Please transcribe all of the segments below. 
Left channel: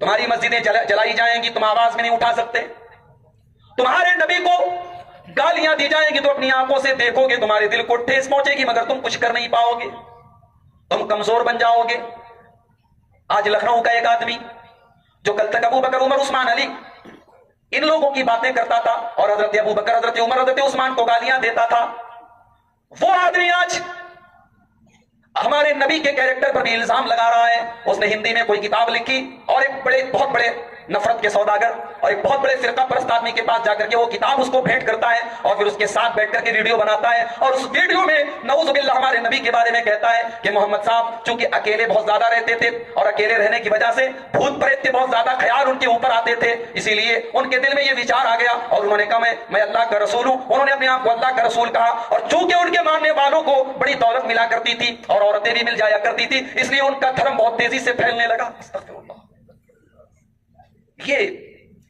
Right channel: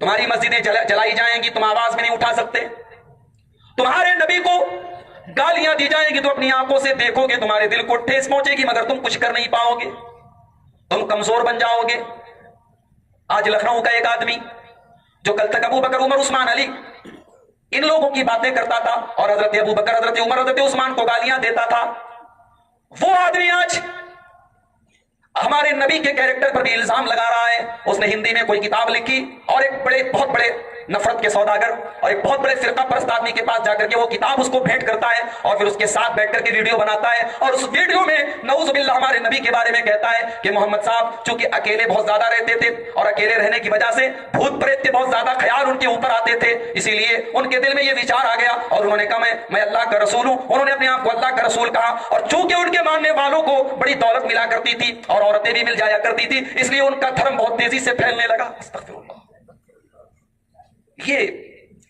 تمہاری مسجدیں جلائی جائیں گی، تم آواز میں نہیں اٹھا سکتے، تمہارے نبی کو گالیاں دی جائیں گی تو اپنی آنکھوں سے دیکھو گے، تمہارے دل کو ٹھیس پہنچے گی مگر تم کچھ کر نہیں پاؤ گے، تم کمزور بن جاؤ گے۔ آج لکھنؤ کا ایک آدمی جو کل تک ابو بکر، عمر، عثمان، علی ان لوگوں کی باتیں کرتا تھا اور حضرت ابو بکر، حضرت عمر، حضرت عثمان کو گالیاں دیتا تھا، وہ آدمی آج ہمارے نبی کے کیریکٹر پر بھی الزام لگا رہا ہے۔ اس نے ہندی میں کوئی کتاب لکھی اور ایک بہت بڑے نفرت کے سوداگر اور ایک بہت بڑے فرقہ پرست آدمی کے پاس جا کر کے وہ کتاب اس کو بھیٹ کرتا ہے اور پھر اس کے ساتھ بیٹھ کر کے ویڈیو بناتا ہے اور اس ویڈیو میں نعوذ باللہ ہمارے نبی کے بارے میں کہتا ہے کہ محمد صاحب چونکہ اکیلے بہت زیادہ رہتے تھے اور اکیلے رہنے کی وجہ سے بھوت پریت کے بہت زیادہ خیال ان کے اوپر آتے تھے، اسی لیے ان کے دل میں یہ وچار آ گیا اور انہوں نے کہا میں اللہ کا رسول ہوں، انہوں نے اپنے آپ کو اللہ کا رسول کہا، اور چونکہ ان کے ماننے والوں کو بڑی دولت ملا کرتی تھی اور عورتیں بھی مل جایا کرتی تھی، اس لیے ان کا دھرم بہت تیزی سے پھیلنے لگا۔ استغفر اللہ۔ یہ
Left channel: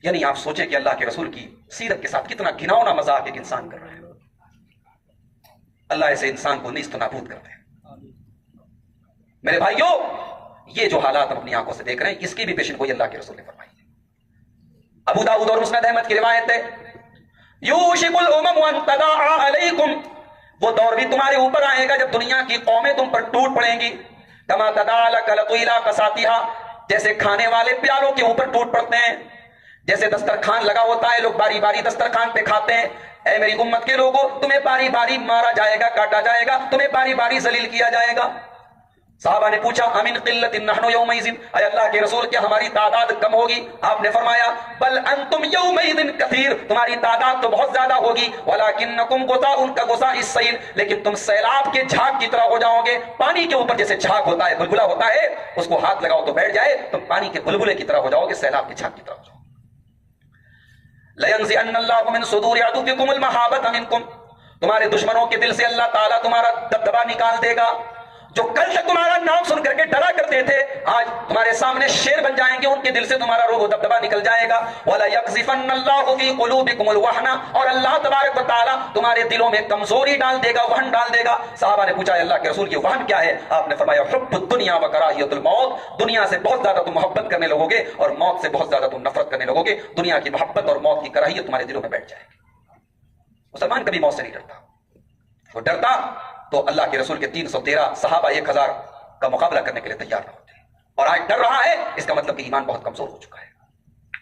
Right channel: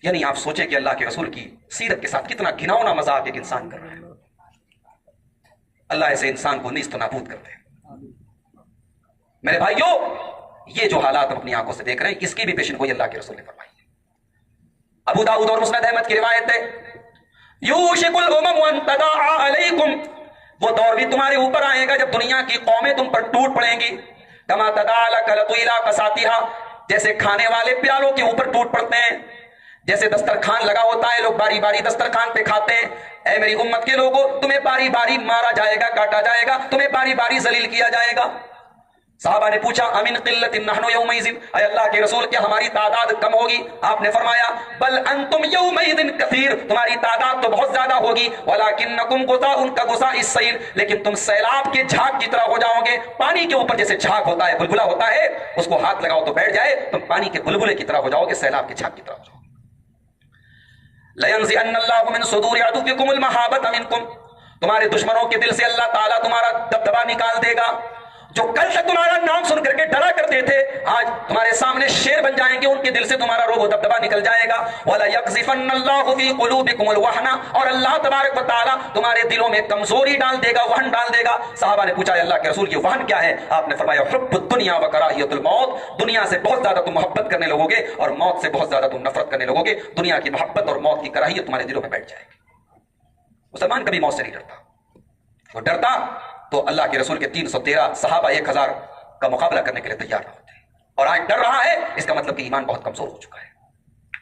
یعنی آپ سوچیں کہ اللہ کے رسول کی سیرت کے ساتھ کتنا گھناؤنا مذاق ایک انسان کر رہا ہے۔ اللہ ایسے انسان کو نیست و نابود کر دے۔ میرے بھائیوں، یہ جو حالات ہم اپنی آنکھوں سے دیکھ رہے ہیں اس کی بھی پیشن گوئی اللہ کے رسول نے فرمائی ہے۔ ابو داؤد اور مسند احمد کی روایت ہے، یوشک الامم ان تداعی علیکم، وہ دور بھی تمہارے اوپر آئے گا جب دنیا کی قومیں تم پر ٹوٹ پڑیں گی، کما تداعی الکلۃ الی قصاتھا، جیسے کھانے والے پیالوں کے اوپر ٹوٹ پڑتے ہیں، جیسے دسترخوان لگا ہوتا ہے، لوگ باری باری دسترخوان پہ کھاتے ہیں، اے میری امت کے لوگوں تمہیں باری باری مارا جائے گا، کاٹا جائے گا، تمہیں باری باری ذلیل کیا جائے گا۔ صحابہ نے پوچھا امن قلت نحن یومئذ، اے اللہ کے رسول کیا ہماری تعداد کم ہوگی؟ آپ نے فرمایا بل انتم یومئذ کثیر، تمہاری تعداد تو بہت زیادہ ہوگی، ولکنکم غثاء کغثاء السیل، لیکن تم سیلاب کے جھاگ کی طرح ہو جاؤ گے۔ پانی کے اوپر جیسے جھاگ ہوتا ہے، بلبلہ ہوتا ہے، اس کو ہاتھ لگاؤ تو بیٹھ جائے، تم پانی کے بلبلے کی طرح ہو جاؤ گے، سیلاب کے جھاگ کی طرح ہو جاؤ گے۔ لَيَنزِعَنَّ اللَّهُ مِن صُدُورِ عَدُوِّكُمُ الْمَحَابَةَ مِنكُمْ، تمہارے دشمنوں کے دل سے اللہ تعالیٰ تمہارا دبدبا نکال دے گا، جو کل تک تمہارا نام سن کر کے ڈرا کرتے تھے آج تمہارے سامنے شیر بن جائیں گے، ان کے دل سے تمہارا روب و دبدبا نکل جائے گا۔ وَلَيَقْذِفَنَّ اللَّهُ فِي قُلُوبِكُمُ الْوَهْنَ، اور اللہ تبارک و تعالیٰ تمہارے دلوں میں کمزوری ڈال دے گا، وہن ڈال دے گا۔ صحابہ نے پوچھا اللہ کے رسول یہ وہن کیا ہے؟ آپ نے فرمایا حب الدنیا وکراہیت الموت، دنیا سے بہت زیادہ تم محبت کرنے لگو گے اور موت سے بہت زیادہ تم نفرت کرنے لگو گے، دنیا کی محبت اور موت کی کراہیت تمہارے دلوں میں بیٹھ جائے گی۔ مسلمان کبھی موت سے نہیں ڈرتا، وہ ڈرتا تو اللہ کے رسول کے 313 صحابہ 1000 کا مقابلہ کرنے کے لیے تیار نہ ہوتے، اور آج ڈر رہا ہے، اس کا مطلب کہ ایمان بہت کمزور ہو چکا ہے۔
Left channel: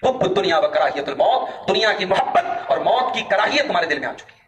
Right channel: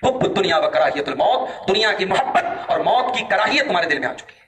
حب الدنیا وکراہیت الموت، دنیا کی محبت اور موت کی کراہیت تمہارے دل میں آ چکی ہے۔